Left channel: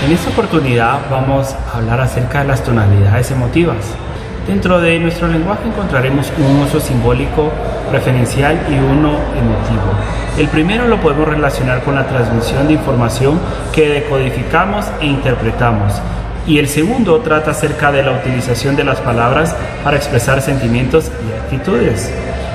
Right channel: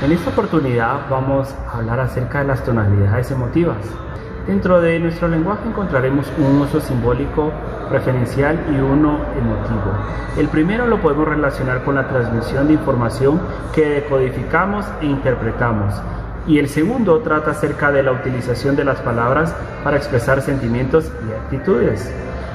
En esta oportunidad vamos a hablar acerca de las tonalidades emotivas. Dentro de nuestro lenguaje encontraremos un uso simbólico, referencial y uno emotivo. El primero lo podemos relacionar con la transmisión de información que decodificamos e interpretamos. Y el segundo trata acerca de la utilización de las palabras para expresar sentimientos y actitudes.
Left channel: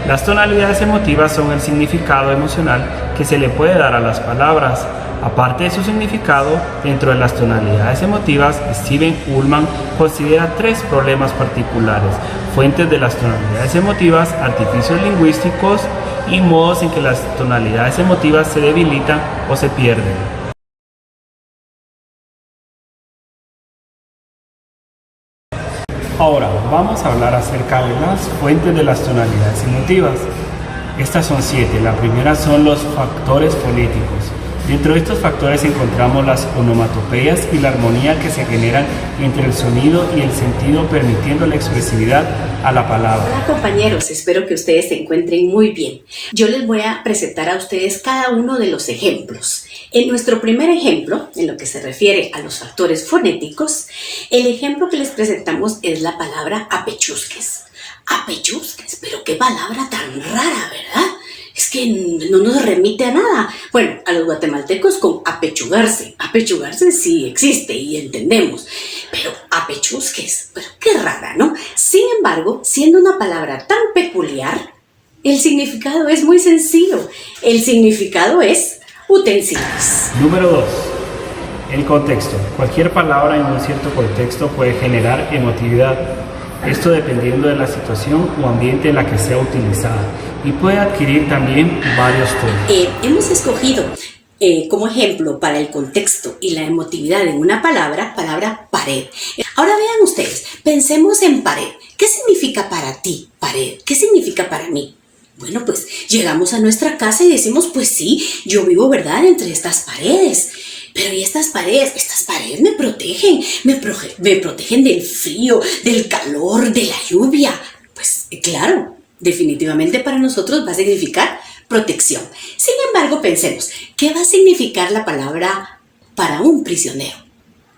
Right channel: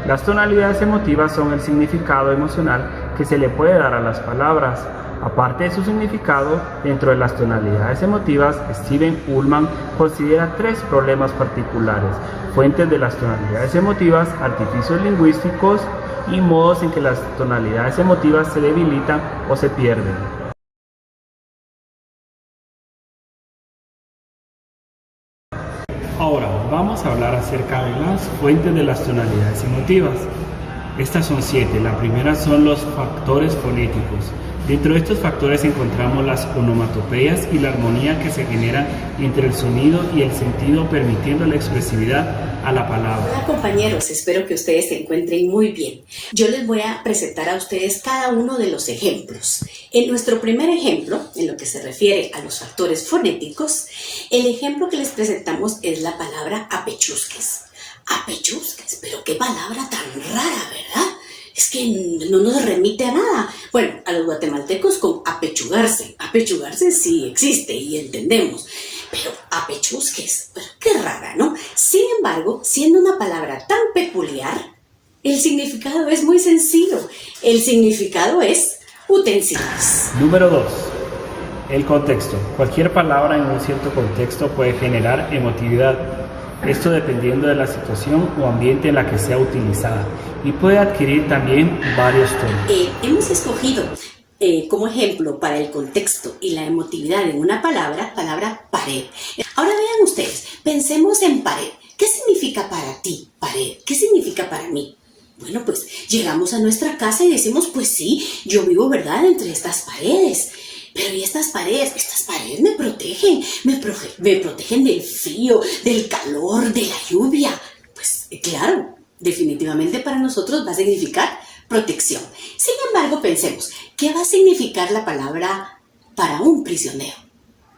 Las tonalidades emotivas son el significado emocional que se le puede dar a las palabras. Aparte de su significado, dentro de las tonalidades emotivas, Steven Ullman considera tres problemas particulares: fuentes de las tonalidades emotivas, artificios lingüísticos y modos en que las tonalidades emotivas se debilitan o se pierden. Ahora vamos a hablar acerca de las fuentes de las tonalidades emotivas. Estas son 7. La primera son los factores fonéticos. Dentro de estos factores encontramos las onomatopeyas y la armonía que se generan entre el sonido y el sentido, permitiendo la expresividad a la palabra. Hola compañeros, espero que ustedes se encuentren muy bien. Yo les voy a presentar a ustedes cada uno de los ejemplos. En nuestro primer ejemplo, en lo que se refiere a los factores fonéticos, el ejemplo que les presentamos es la palabra apechusques. Apechusques, pero qué palabra tan rara, ¿verdad? Es que no nos remite a nada. Bueno, a los guatemaltecos con apechugarse. Apechugarse sí existe y entendemos. Pero apechusques, pero qué rara, ¿no? Sin embargo, siendo una palabra tan peculiar, el significado es muy sencillo. El significado es utensilios. Número 2. El contexto. Cualquier palabra en un cierto contexto puede generar emotividad. Esto dependiendo de la situación o ambiente en la que sea utilizada, y puede adquirir también varios tonos. Hemos escogido como ejemplo para el contexto y la emotividad en una palabra pared. Ahora vean ustedes, pensemos en pared. ¿Qué significa para ti pared? ¿Qué significa para mí? Bueno, pues llegamos a nuestra casa y decimos, pues sí, yo vivo, ¿verdad?, entre estas paredes. Pero ¿y estas paredes? Estas paredes me protegen del frío, del calor, de la lluvia. Pues claro, definitivamente para nosotros va a significar protección. Sin embargo, pensemos, ¿qué va a significar la palabra para un prisionero?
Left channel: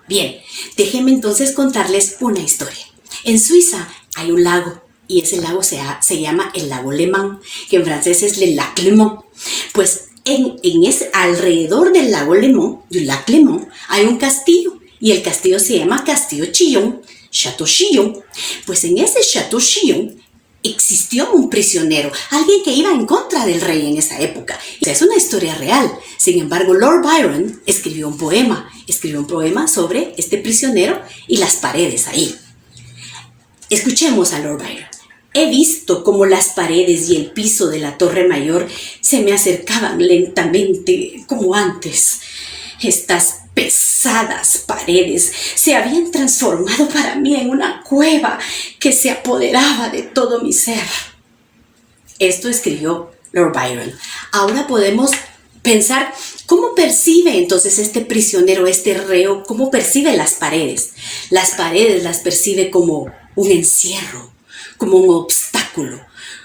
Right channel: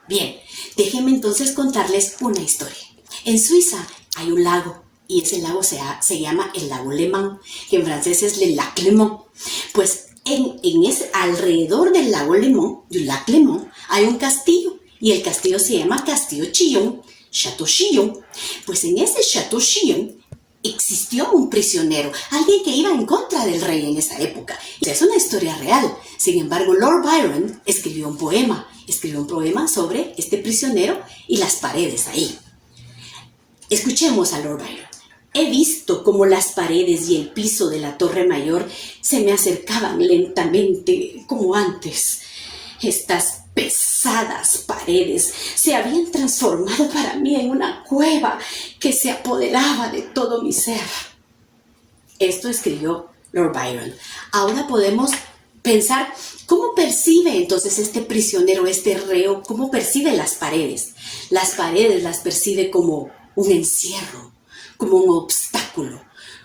Bien, déjenme entonces contarles una historia. En Suiza hay un lago y ese lago se llama el lago Le Mans, que en francés es le lac Léman. Pues alrededor del lago Le Mans, du lac Léman, hay un castillo y el castillo se llama Castillo Chillon, Chateau Chillon. Pues en ese Chateau Chillon existió un prisionero, alguien que iba en contra del rey en esa época. Es una historia real. Sin embargo, Lord Byron escribió un poema sobre este prisionero y las paredes ahí. Escuchemos a Lord Byron. He visto cómo las paredes y el piso de la Torre Mayor se me acercaban lentamente como antes. Estas pesadas paredes se habían transformado para mí en una cueva que se apoderaba de todo mi ser. Esto escribió Lord Byron. Ahora podemos pensar cómo percibe entonces este prisionero, este reo, cómo percibe las paredes. Las paredes las percibe como un encierro, como un obstáculo,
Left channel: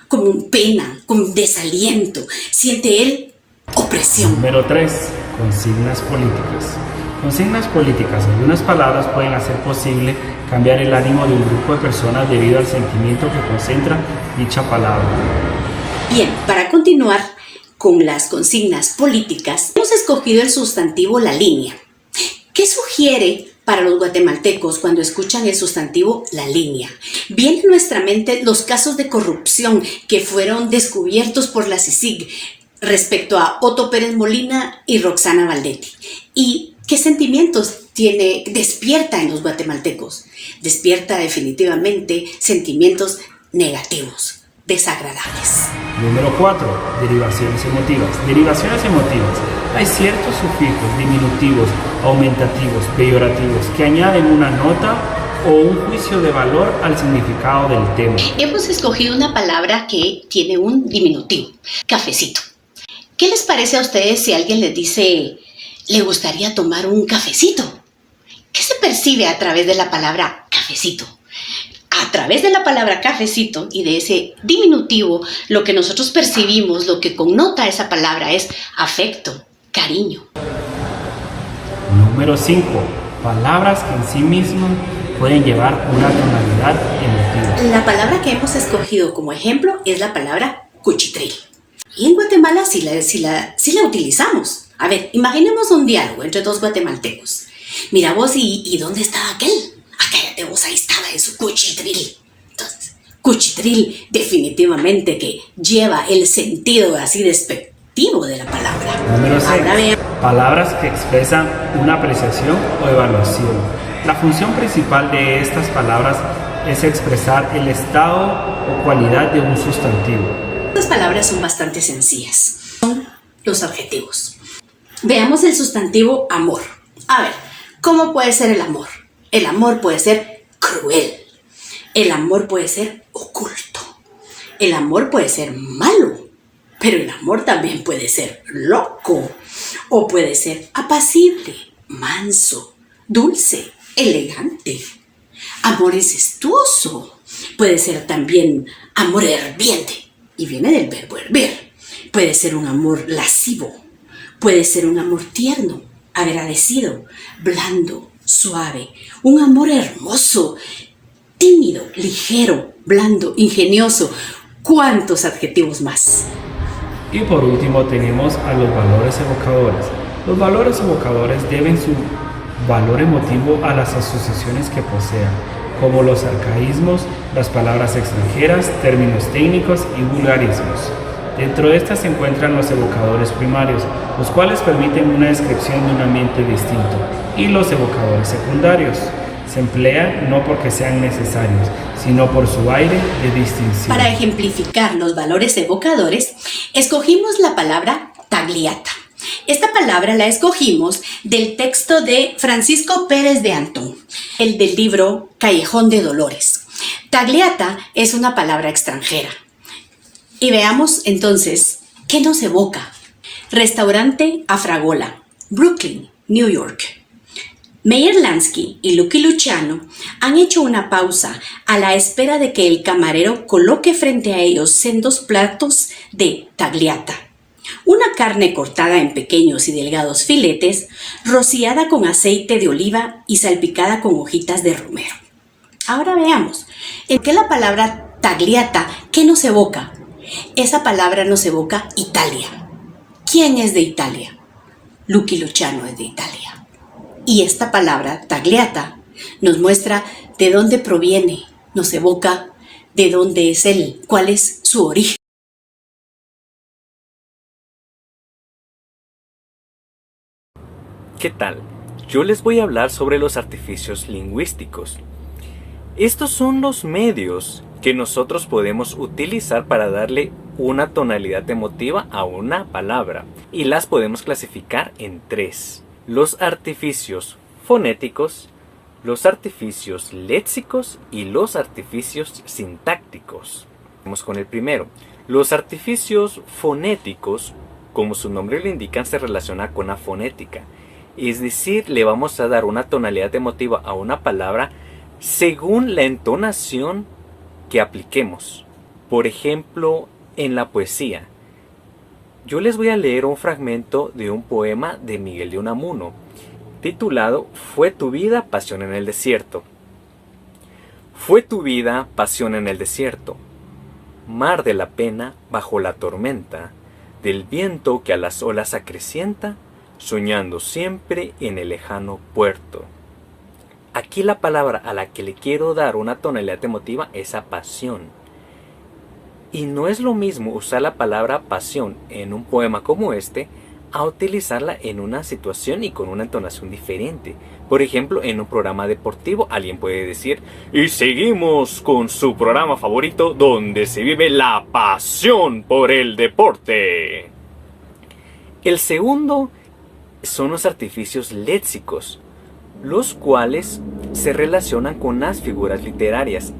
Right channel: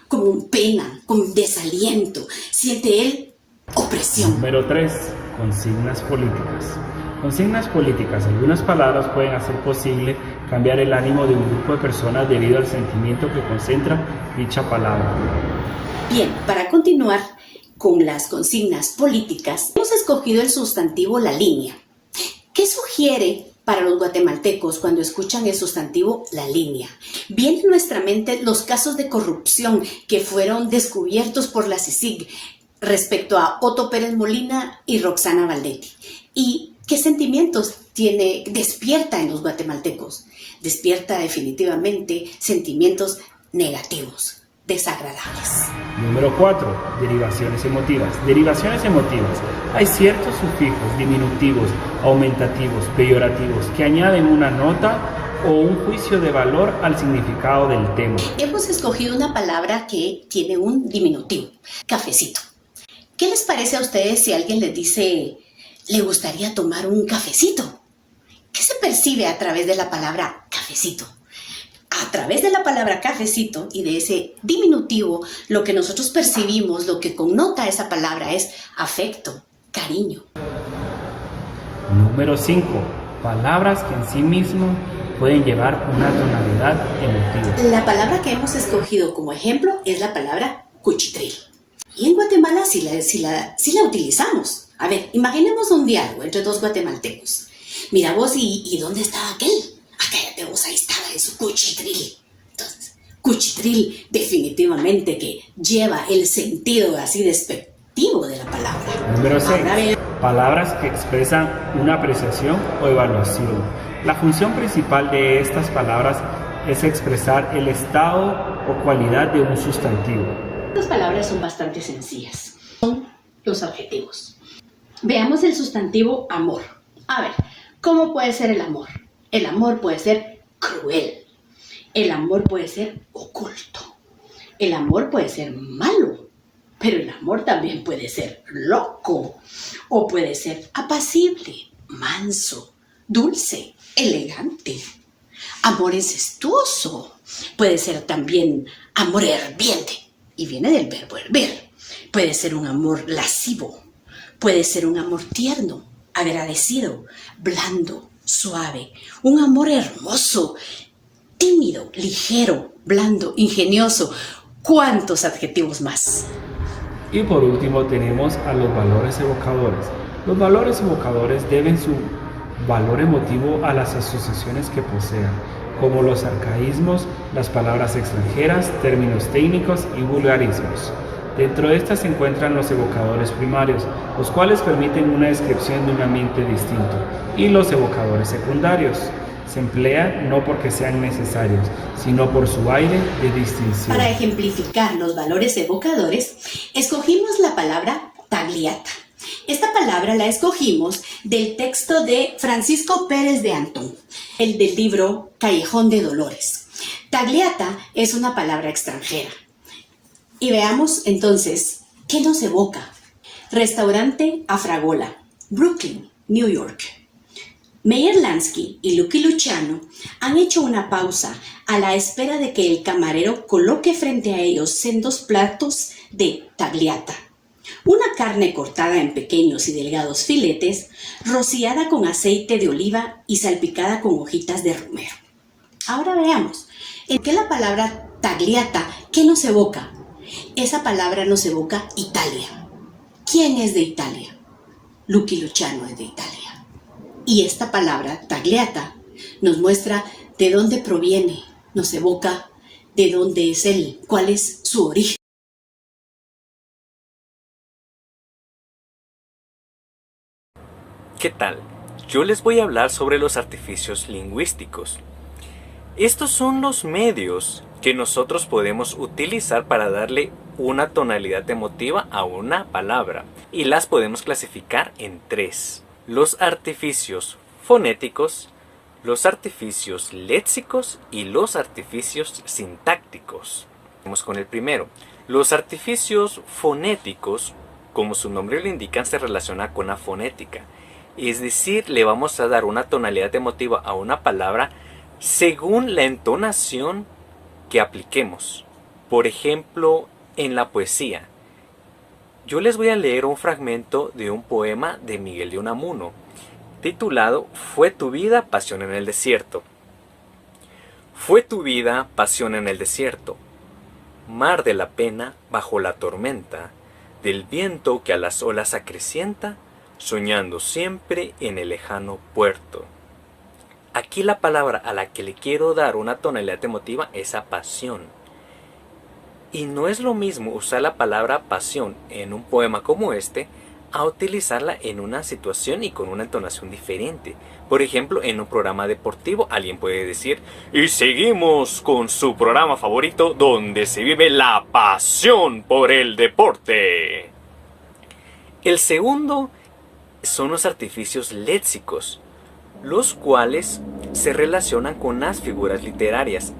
como un pena, como un desaliento. Siente él opresión. Número 3. Consignas políticas. Consignas políticas. Algunas palabras pueden hacer posible cambiar el ánimo de un grupo de personas debido al sentimiento que concentra dicha palabra. Bien, para continuar con las consignas políticas, hemos escogido el sustantivo la línea. ¿Qué sugiere para los guatemaltecos cuando escuchan el sustantivo la línea? Vienen a nuestra mente los casos de corrupción que fueron descubiertos por la CICIG respecto a Otto Pérez Molina y Roxana Valdetti. ¿Y qué sentimientos despierta en los guatemaltecos? Despierta definitivamente sentimientos negativos, desagradables. Número 4. Derivaciones emotivas. Derivaciones emotivas. Hay ciertos sufijos diminutivos, aumentativos, peyorativos que añaden una nota o un juicio de valor al significado del tema. Hemos escogido una palabra que tiene un diminutivo, cafecito. ¿Qué les parece a ustedes si alguien les dice, le gustaría tomar un cafecito? ¿Qué se percibe a través de la palabra cafecito? A través de la palabra cafecito y de ese diminutivo, lo que nosotros percibimos, lo que connota esa palabra es afecto, cariño. Número 5. palabras que en sí mismas pueden llevar una tonalidad emotiva. La palabra que hemos escogido como ejemplo es la palabra cuchitril. Y en Guatemala sí la utilizamos. A ver, imaginemos un diálogo entre dos guatemaltecos. Mira vos, ¿y dónde estaba aquel? Ah, cállate vos, ahí estaba en su cuchitril. Entonces, cuchitril definitivamente que lleva el sentido así despectivo de la palabra. Número 6. Palabras que expresan una apreciación o evaluación. La función principal de estas palabras es expresar el estado o cualidad de un sustantivo. Estas palabras son bastante sencillas. Son los adjetivos. Veamos el sustantivo amor. A ver, ¿cómo puede ser el amor? El amor puede ser cruel. El amor puede ser oculto. El amor puede ser malo. Pero el amor también puede ser loco. O puede ser apacible, manso, dulce, elegante. Amor incestuoso. Puede ser también amor herviente. Y viene del verbo hervir. Puede ser un amor lascivo. Puede ser un amor tierno, agradecido, blando, suave. Un amor hermoso, tímido, ligero, blando, ingenioso. ¿Cuántos adjetivos más? Y por último tenemos a los valores evocadores. Los valores evocadores deben su valor emotivo a las asociaciones que posean, como los arcaísmos, las palabras extranjeras, términos técnicos y vulgarismos. Dentro de estas se encuentran los evocadores primarios, los cuales permiten una descripción de un ambiente distinto, y los evocadores secundarios. Se emplean no porque sean necesarios, sino por su aire de distinción. Para ejemplificar los valores evocadores, escogimos la palabra tagliata. Esta palabra la escogimos del texto de Francisco Pérez de Antón, el del libro Callejón de Dolores. Tagliata es una palabra extranjera. Y veamos entonces, ¿qué nos evoca? Restaurante Afragola, Brooklyn, New York. Meyer Lansky y Lucky Luciano han hecho una pausa a la espera de que el camarero coloque frente a ellos sendos platos de tagliata. Una carne cortada en pequeños y delgados filetes, rociada con aceite de oliva y salpicada con hojitas de romero. Ahora veamos, ¿en qué la palabra tagliata, qué nos evoca? Esa palabra nos evoca Italia. ¿Quién es de Italia? Lucky Luciano es de Italia. Y esta palabra, tagliata, nos muestra de dónde proviene, nos evoca de dónde es él, cuál es su origen. ¿Qué tal? Yo les voy a hablar sobre los artificios lingüísticos. Estos son los medios que nosotros podemos utilizar para darle una tonalidad emotiva a una palabra, y las podemos clasificar en 3. Los artificios fonéticos, los artificios léxicos y los artificios sintácticos. Vamos con el primero. Los artificios fonéticos, como su nombre lo indica, se relaciona con la fonética. Es decir, le vamos a dar una tonalidad emotiva a una palabra según la entonación que apliquemos. Por ejemplo, en la poesía. Yo les voy a leer un fragmento de un poema de Miguel de Unamuno, titulado Fue tu vida, pasión en el desierto. Fue tu vida, pasión en el desierto, mar de la pena bajo la tormenta, del viento que a las olas acrecienta, soñando siempre en el lejano puerto. Aquí la palabra a la que le quiero dar una tonalidad emotiva es a pasión. Y no es lo mismo usar la palabra pasión en un poema como este a utilizarla en una situación y con una entonación diferente. Por ejemplo, en un programa deportivo alguien puede decir: y seguimos con su programa favorito donde se vive la pasión por el deporte. El segundo son los artificios léxicos, los cuales se relacionan con las figuras literarias.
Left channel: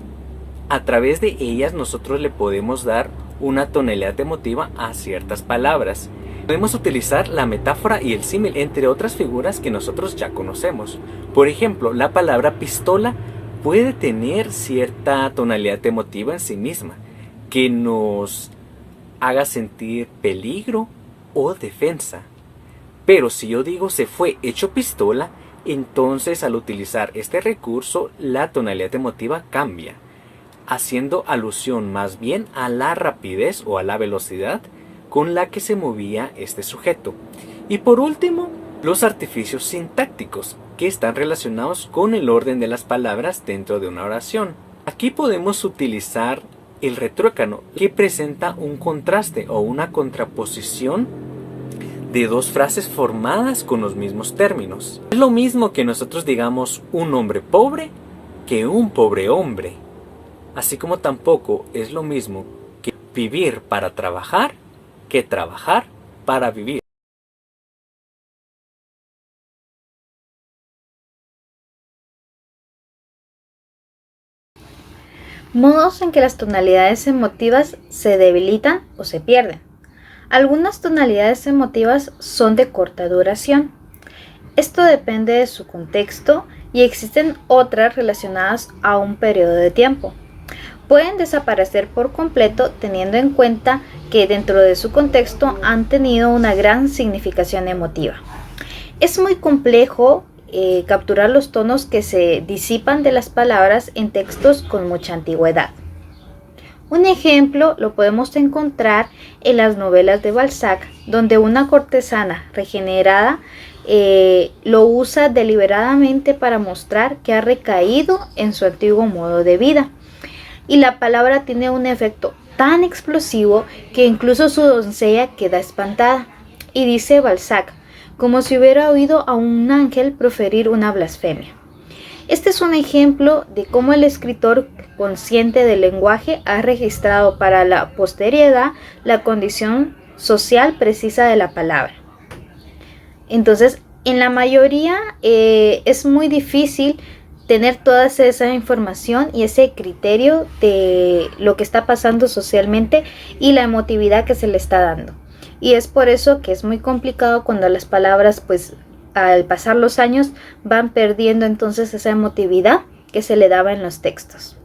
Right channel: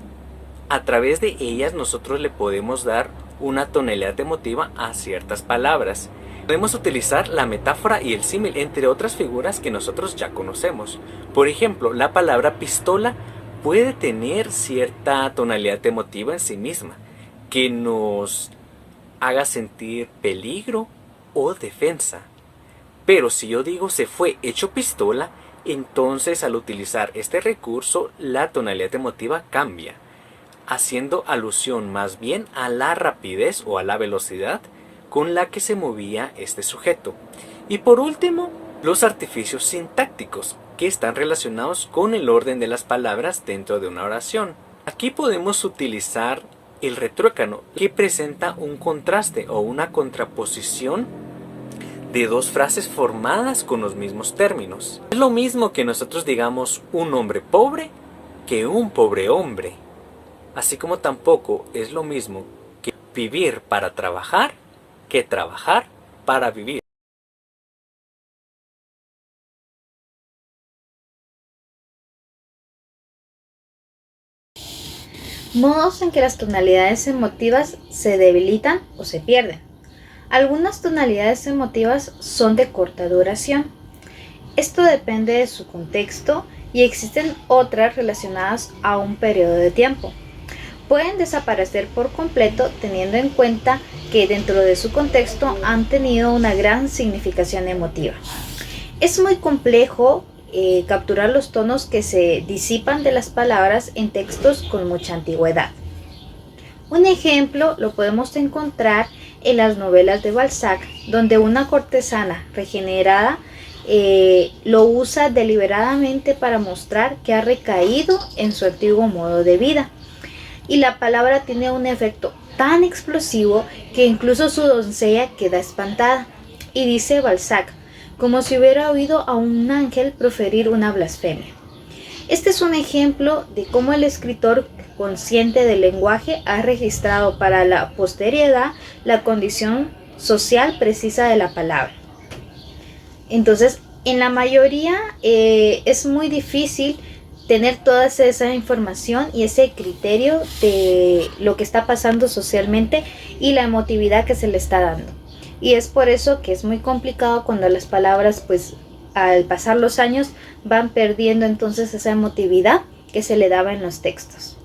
A través de ellas nosotros le podemos dar una tonalidad emotiva a ciertas palabras. Podemos utilizar la metáfora y el símil, entre otras figuras que nosotros ya conocemos. Por ejemplo, la palabra pistola puede tener cierta tonalidad emotiva en sí misma, que nos haga sentir peligro o defensa. Pero si yo digo se fue hecho pistola, Entonces, al utilizar este recurso, la tonalidad emotiva cambia, haciendo alusión más bien a la rapidez o a la velocidad con la que se movía este sujeto. Y por último, los artificios sintácticos, que están relacionados con el orden de las palabras dentro de una oración. Aquí podemos utilizar el retruécano, que presenta un contraste o una contraposición de dos frases formadas con los mismos términos. Es lo mismo que nosotros digamos un hombre pobre que un pobre hombre, así como tampoco es lo mismo que vivir para trabajar que trabajar para vivir. Modos en que las tonalidades emotivas se debilitan o se pierden. Algunas tonalidades emotivas son de corta duración. Esto depende de su contexto y existen otras relacionadas a un periodo de tiempo. Pueden desaparecer por completo teniendo en cuenta que dentro de su contexto han tenido una gran significación emotiva. Es muy complejo capturar los tonos que se disipan de las palabras en textos con mucha antigüedad. Un ejemplo lo podemos encontrar en las novelas de Balzac, donde una cortesana regenerada lo usa deliberadamente para mostrar que ha recaído en su antiguo modo de vida. Y la palabra tiene un efecto tan explosivo que incluso su doncella queda espantada. Y dice Balzac, como si hubiera oído a un ángel proferir una blasfemia. Este es un ejemplo de cómo el escritor consciente del lenguaje ha registrado para la posteridad la condición social precisa de la palabra. Entonces, en la mayoría es muy difícil tener toda esa información y ese criterio de lo que está pasando socialmente y la emotividad que se le está dando. Y es por eso que es muy complicado cuando las palabras, pues, al pasar los años van perdiendo entonces esa emotividad que se le daba en los textos.